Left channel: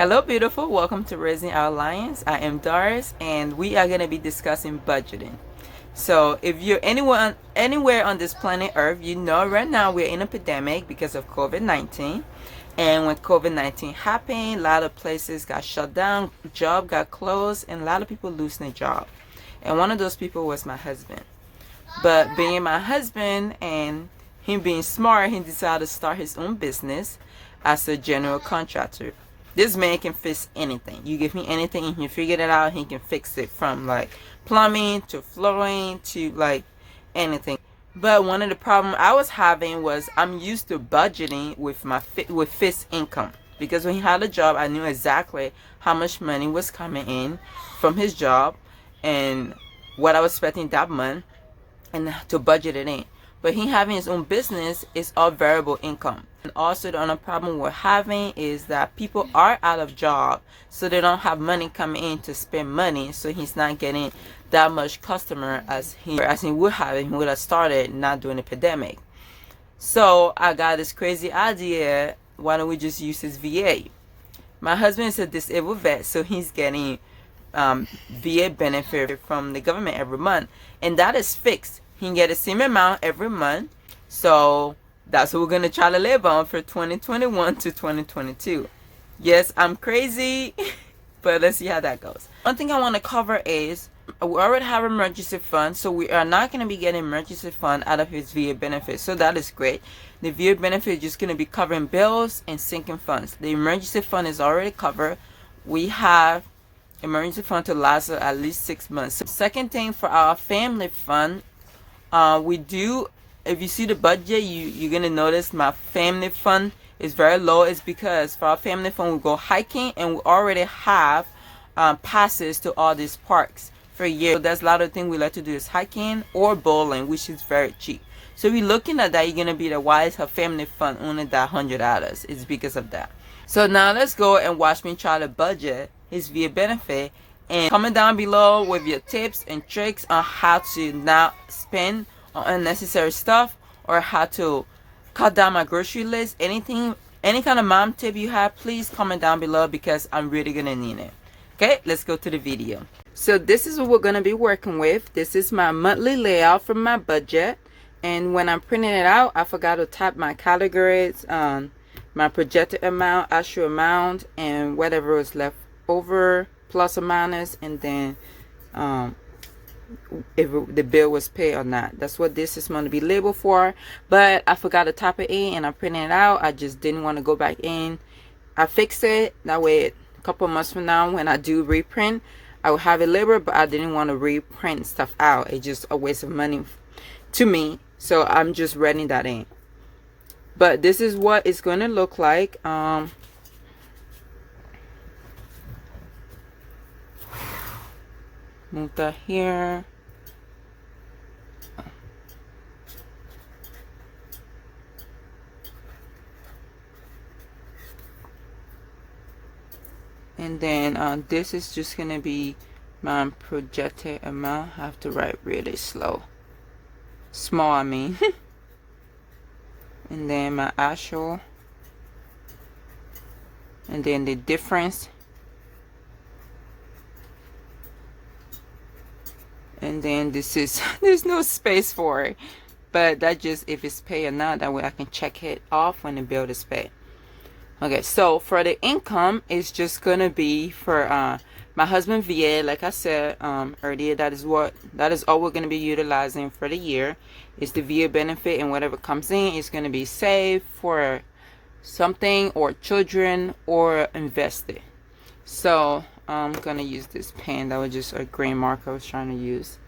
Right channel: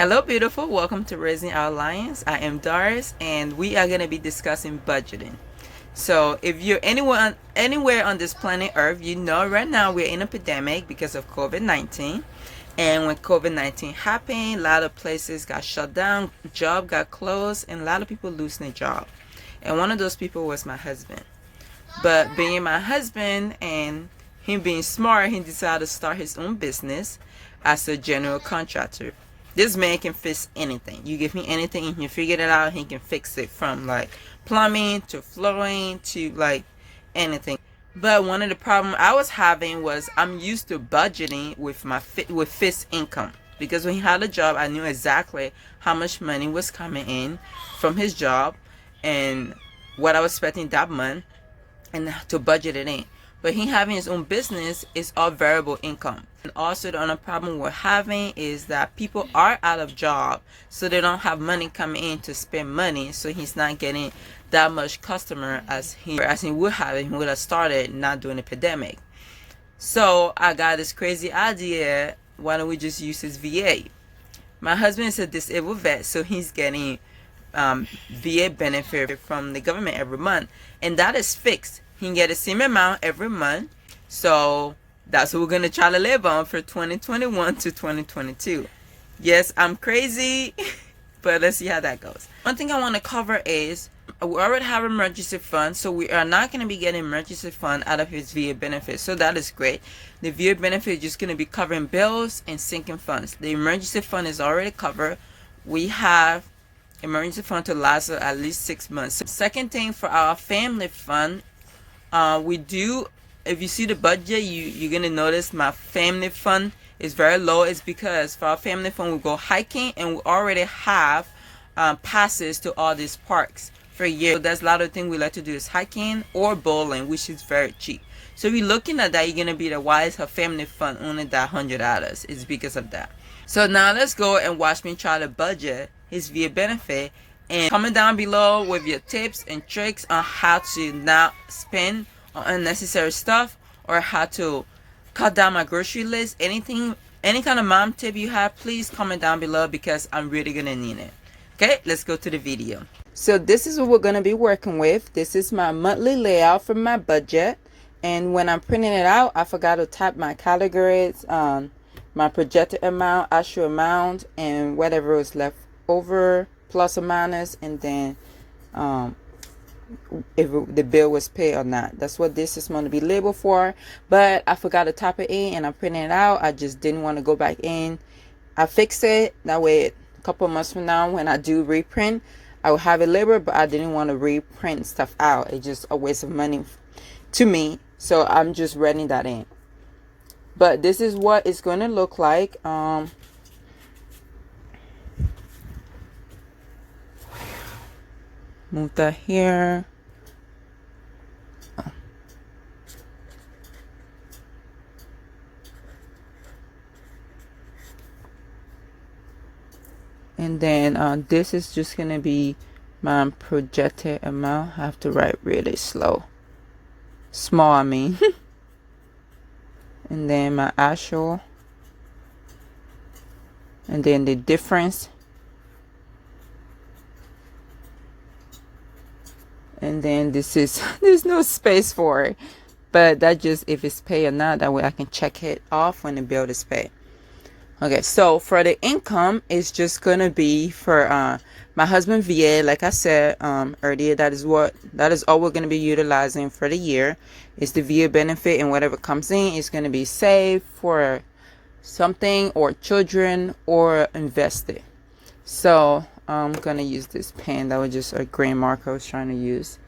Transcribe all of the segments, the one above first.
Hello, beautiful. Welcome to Raising Our Lions. I am Doris, and we are going to be discussing budgeting. So, if you're anywhere on this planet Earth, you know right now we're in a pandemic because of COVID-19. And when COVID-19 happened, a lot of places got shut down, job got closed, and a lot of people losing their job. And one of those people was my husband. But being my husband and him being smart, he decided to start his own business as a general contractor. This man can fix anything. You give me anything, he can figure it out. He can fix it from like plumbing to flooring to like anything. But one of the problems I was having was I'm used to budgeting with fixed income, because when he had a job, I knew exactly how much money was coming in from his job and what I was expecting that month, and to budget it in. But he having his own business is all variable income. And also the other problem we're having is that people are out of job, so they don't have money coming in to spend money. So he's not getting that much customer as he would have if he would have started not during the pandemic. So I got this crazy idea. Why don't we just use his VA? My husband is a disabled vet, so he's getting VA benefit from the government every month, and that is fixed. He can get the same amount every month. So that's what we're going to try to live on for 2021 to 2022. Yes, I'm crazy, but let's see how that goes. One thing I want to cover is we already have emergency fund, so we are not going to be getting emergency fund out of his VA benefit. So that is great. The VA benefit is just going to be covering bills and sinking funds. The emergency fund is already covered. We have emergency fund to last at least 6 months. Second thing, for our family fund, we do, if you see the budget, you're going to notice my family fund is very low. It's because for our family fund, we go hiking and we already have passes to all these parks for a year. So there's a lot of things we like to do is hiking or bowling, which is very cheap. So if you're looking at that, you're going to be the why is her family fund only that $100? It's because of that. So now let's go and watch me try to budget his VA benefit, and comment down below with your tips and tricks on how to not spend on unnecessary stuff, or how to cut down my grocery list. Any kind of mom tip you have, please comment down below, because I'm really gonna need it. Okay, let's go to the video. So this is what we're gonna be working with. This is my monthly layout for my budget, and when I'm printing it out, I forgot to type my categories, my projected amount, actual amount, and whatever was left over, plus or minus, and then if the bill was paid or not. That's what this is going to be labeled for. But I forgot to type it in and I'm printing it out. I just didn't want to go back in. I fixed it. That way a couple months from now, when I do reprint, I will have it labeled, but I didn't want to reprint stuff out. It's just a waste of money to me. So I'm just writing that in. But this is what it's going to look like. Move that here. And then this is just going to be my projected amount. I have to write really slow. Small, I mean. And then my actual. And then the difference. And then this is, there's no space for it, but that just if it's paid or not, that way I can check it off when the bill is paid. Okay, so for the income, it's just gonna be for my husband VA. Like I said earlier, that is all we're gonna be utilizing for the year. Is the VA benefit, and whatever comes in is gonna be saved for something, or children, or invested. So I'm gonna use this pen. That was just a green marker I was trying to use.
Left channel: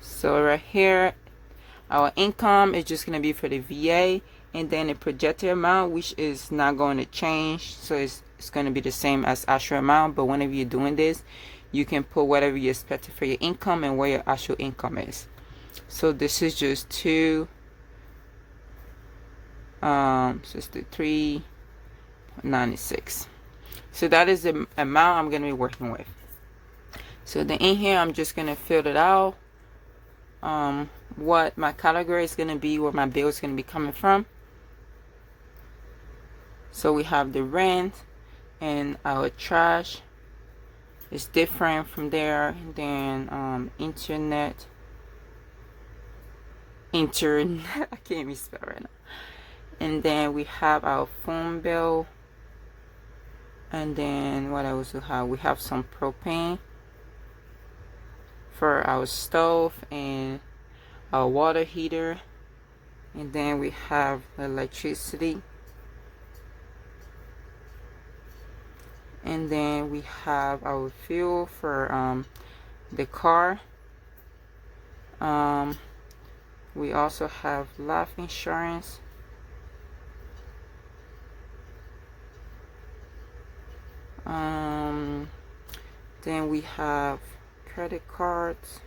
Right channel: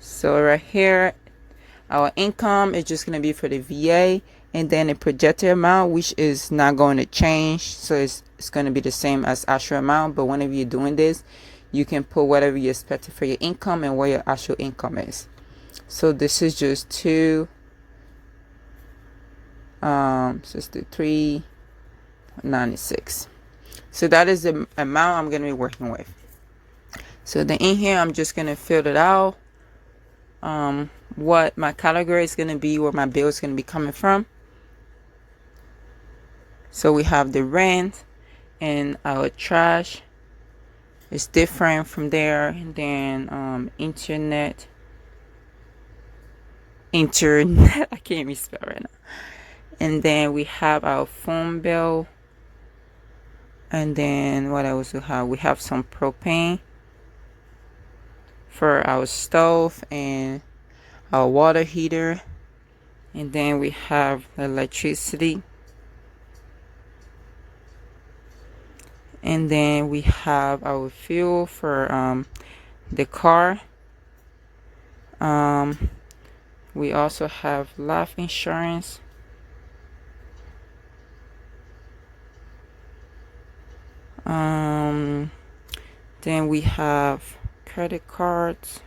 So right here, our income is just gonna be for the VA, and then the projected amount, which is not going to change. So it's gonna be the same as actual amount. But whenever you're doing this, you can put whatever you expected for your income and where your actual income is. So this is just 63.96. So that is the amount I'm going to be working with. So then in here, I'm just going to fill it out. What my category is going to be, where my bill is going to be coming from. So we have the rent, And our trash is different from there. And then internet I can't even spell right now. And then we have our phone bill. And then what else we have? We have some propane for our stove and our water heater. And then we have electricity. And then we have our fuel for the car. We also have life insurance. Then we have credit cards.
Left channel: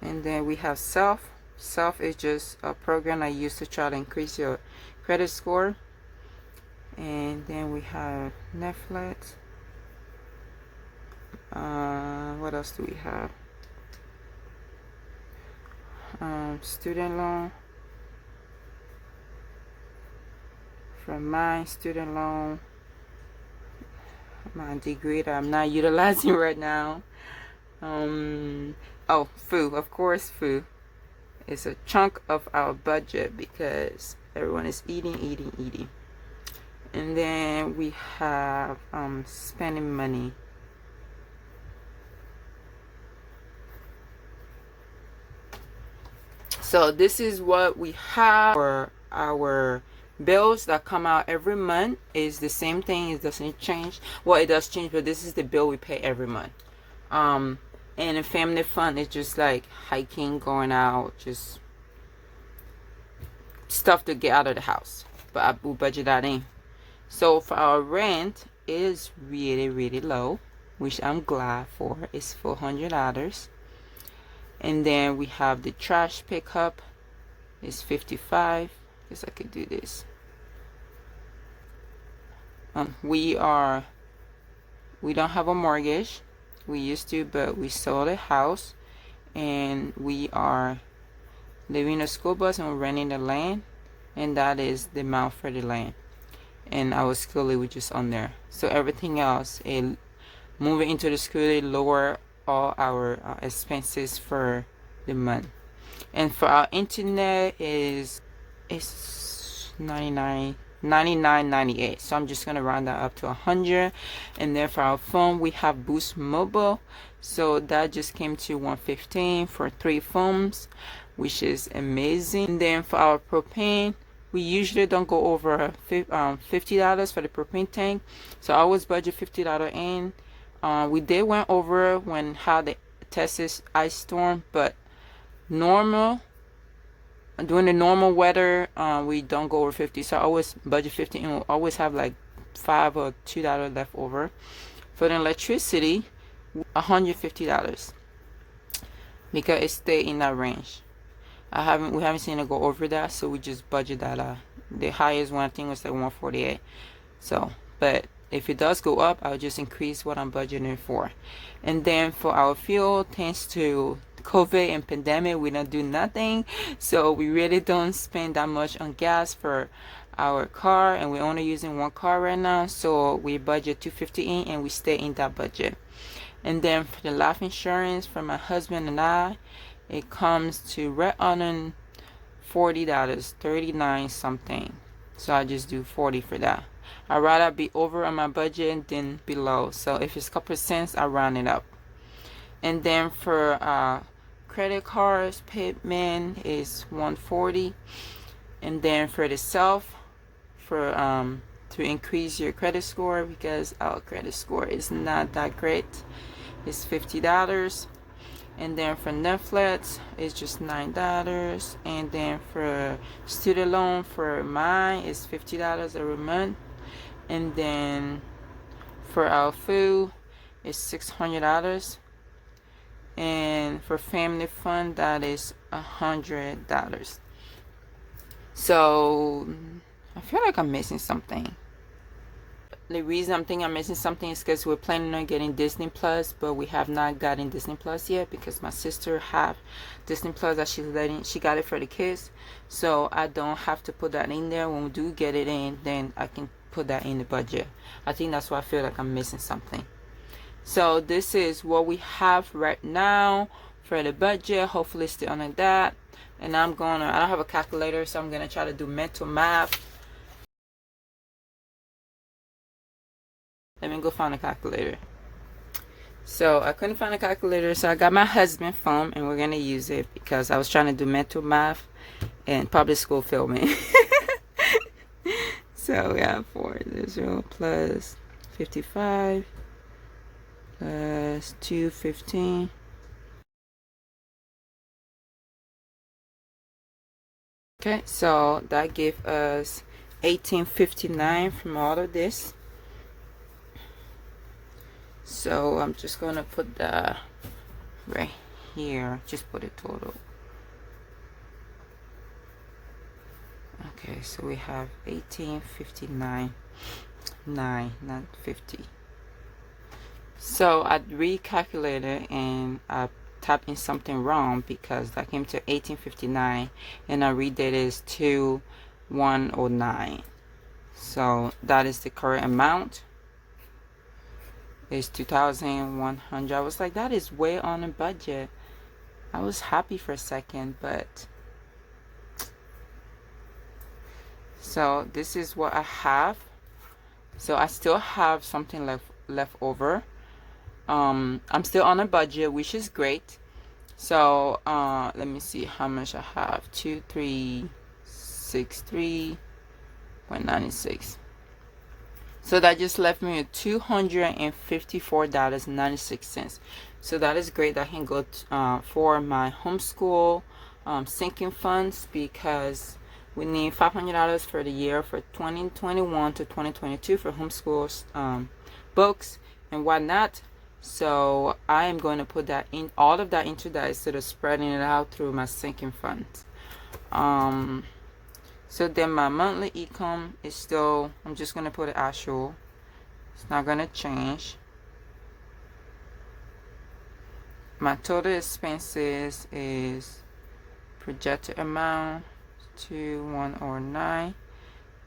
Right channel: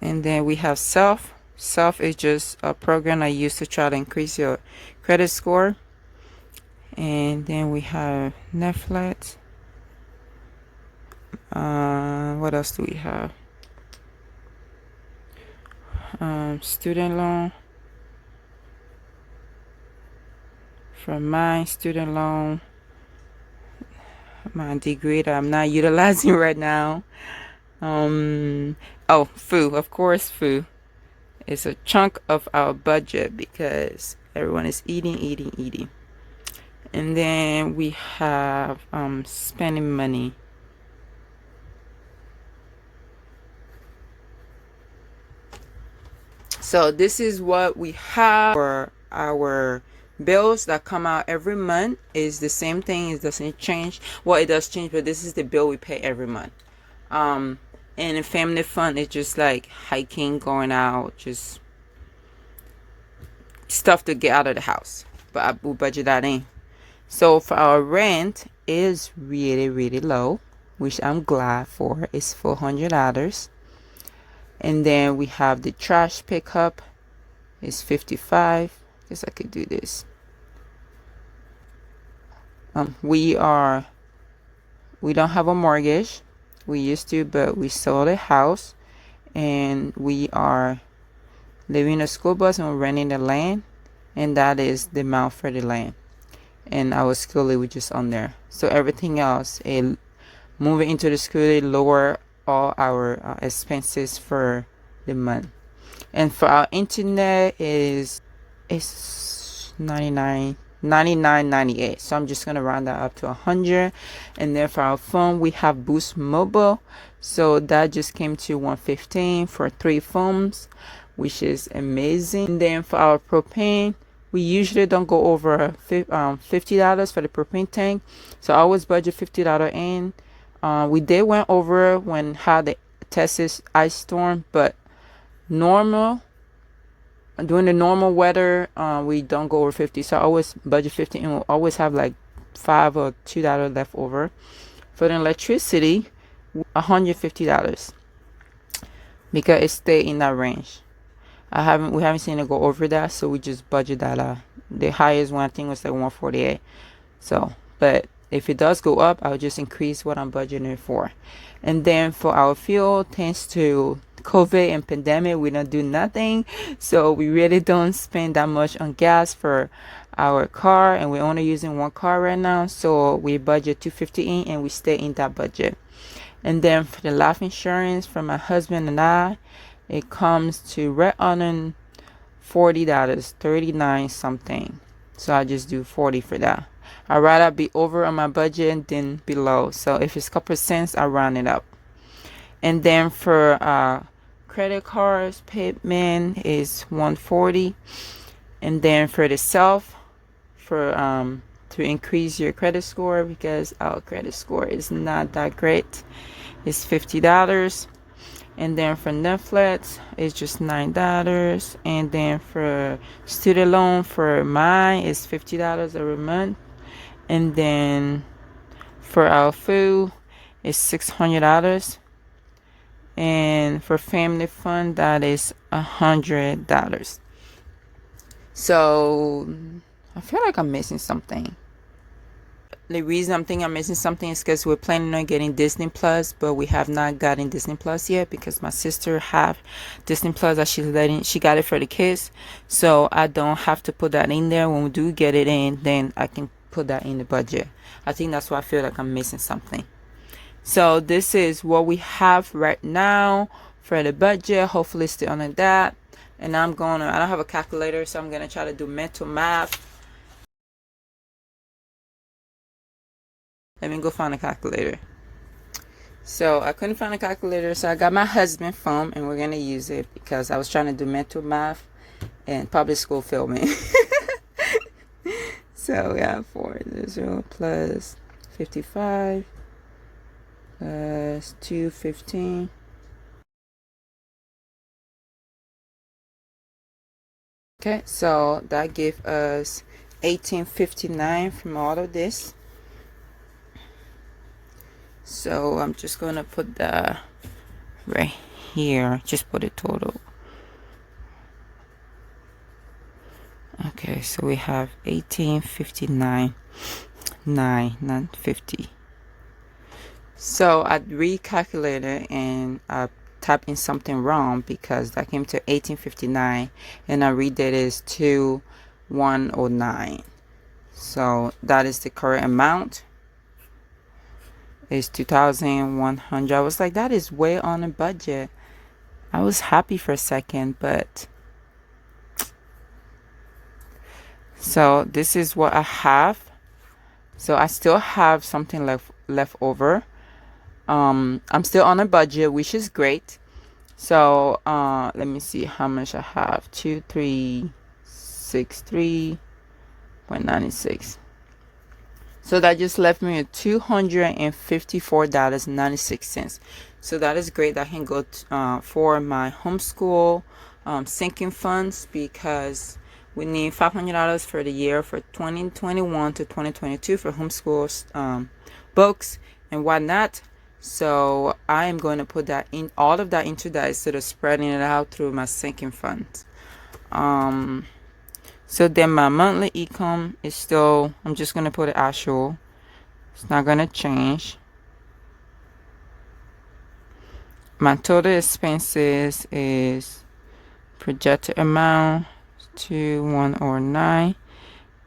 And then we have Self. Self is just a program I use to try to increase your credit score. And then we have Netflix. What else do we have? Student loan. For my student loan, my degree that I'm not utilizing right now. Oh, food, of course, food. It's a chunk of our budget because everyone is eating. And then we have spending money. So this is what we have for our bills that come out every month. Is the same thing. It doesn't change. Well, it does change, but this is the bill we pay every month. And in family fund, it's just like hiking, going out, just stuff to get out of the house. But I will budget that in. So for our rent is really low, which I'm glad for. It's $400. And then we have the trash pickup. It's $55. Guess I could do this. We don't have a mortgage. We used to, but we sold a house, and we are living in a school bus and we're renting the land, and that is the amount for the land. And our schoolie was just on there. So everything else, moving into the schoolie lower all our expenses for the month. And for our internet it's $99.98. So I'm just gonna round that up to 100. And then for our phone, we have Boost Mobile, so that just came to $115 for 3 phones, which is amazing. And then for our propane, we usually don't go over $50 for the propane tank, so I always budget $50 in. We did went over when had the Texas ice storm, but during the normal weather, we don't go over 50. So I always budget 50, and we'll always have like $5 or $2 left over. For the electricity, $150 because it stayed in that range. We haven't seen it go over that, so we just budget that. The highest one I think was like 148. So, but if it does go up, I'll just increase what I'm budgeting for. And then for our fuel, thanks to COVID and pandemic, we don't do nothing, so we really don't spend that much on gas for our car, and we're only using one car right now, so we budget $250 in, and we stay in that budget. And then for the life insurance for my husband and I, it comes to right on $40, 39 something. So I'll just do 40 for that. I'd rather be over on my budget than below. So if it's a couple cents, I round it up. And then for credit cards, payment is $140. And then for the Self, for to increase your credit score, because our credit score is not that great, it's $50. And then for Netflix, it's just $9. And then for student loan for mine, it's $50 every month. And then for our food, it's $600. And for family fund, that is $100. So I feel like I'm missing something. the reason I'm thinking I'm missing something is because we're planning on getting Disney Plus, but we have not gotten Disney Plus yet because my sister have Disney Plus that she got it for the kids, so I don't have to put that in there. When we do get it in, then I can put that in the budget. I think that's why I feel like I'm missing something. So this is what we have right now for the budget. Hopefully still under that. And I don't have a calculator, so I'm gonna try to do mental math. Let me go find a calculator. So I couldn't find a calculator, so I got my husband's phone, and we're gonna use it because I was trying to do mental math and public school filming. So we have 400 plus 55 plus 215. Okay, so that gave us 1859 from all of this. So I'm just going to put that right here. Just put it total. Okay, so we have 1859, 9, 50. So I recalculated and I typed in something wrong because that came to 1859 and our read date is 2109. So that is the correct amount. Is 2,100. I was like, that is way on a budget. I was happy for a second, but so this is what I have. So I still have something left over. I'm still on a budget, which is great. So let me see how much I have. 2363.96. So that just left me with $254.96. So that is great. That can go for my homeschool sinking funds, because we need $500 for the year for 2021 to 2022 for homeschool books and whatnot. So I am going to put that in, all of that into that instead of spreading it out through my sinking funds. So then my monthly income is still, I'm just going to put it actual. It's not going to change. My total expenses is projected amount 2109.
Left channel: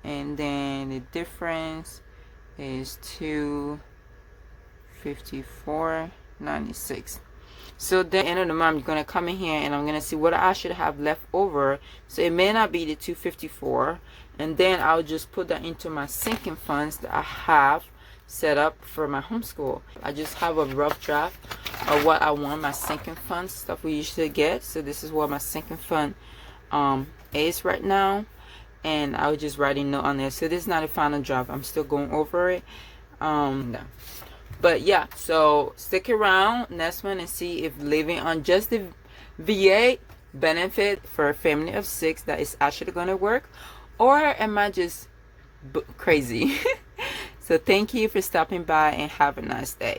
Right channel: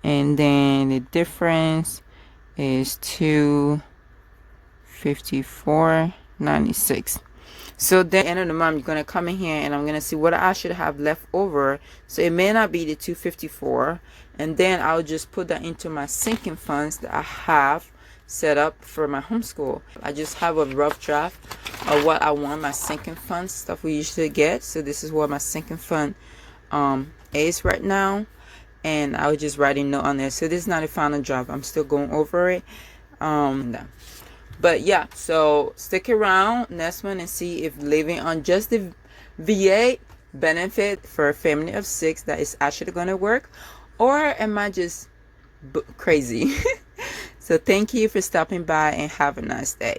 And then the difference is 254.96. So then at the end of the month, I'm going to come in here and I'm going to see what I should have left over. So it may not be the 254. And then I'll just put that into my sinking funds that I have set up for my homeschool. I just have a rough draft of what I want my sinking funds, stuff we usually get. So this is what my sinking fund is right now. And I was just writing note on there. So this is not a final draft. I'm still going over it. But yeah, so stick around next one and see if living on just the VA benefit for a family of 6 that is actually going to work, or am I just crazy? So thank you for stopping by and have a nice day.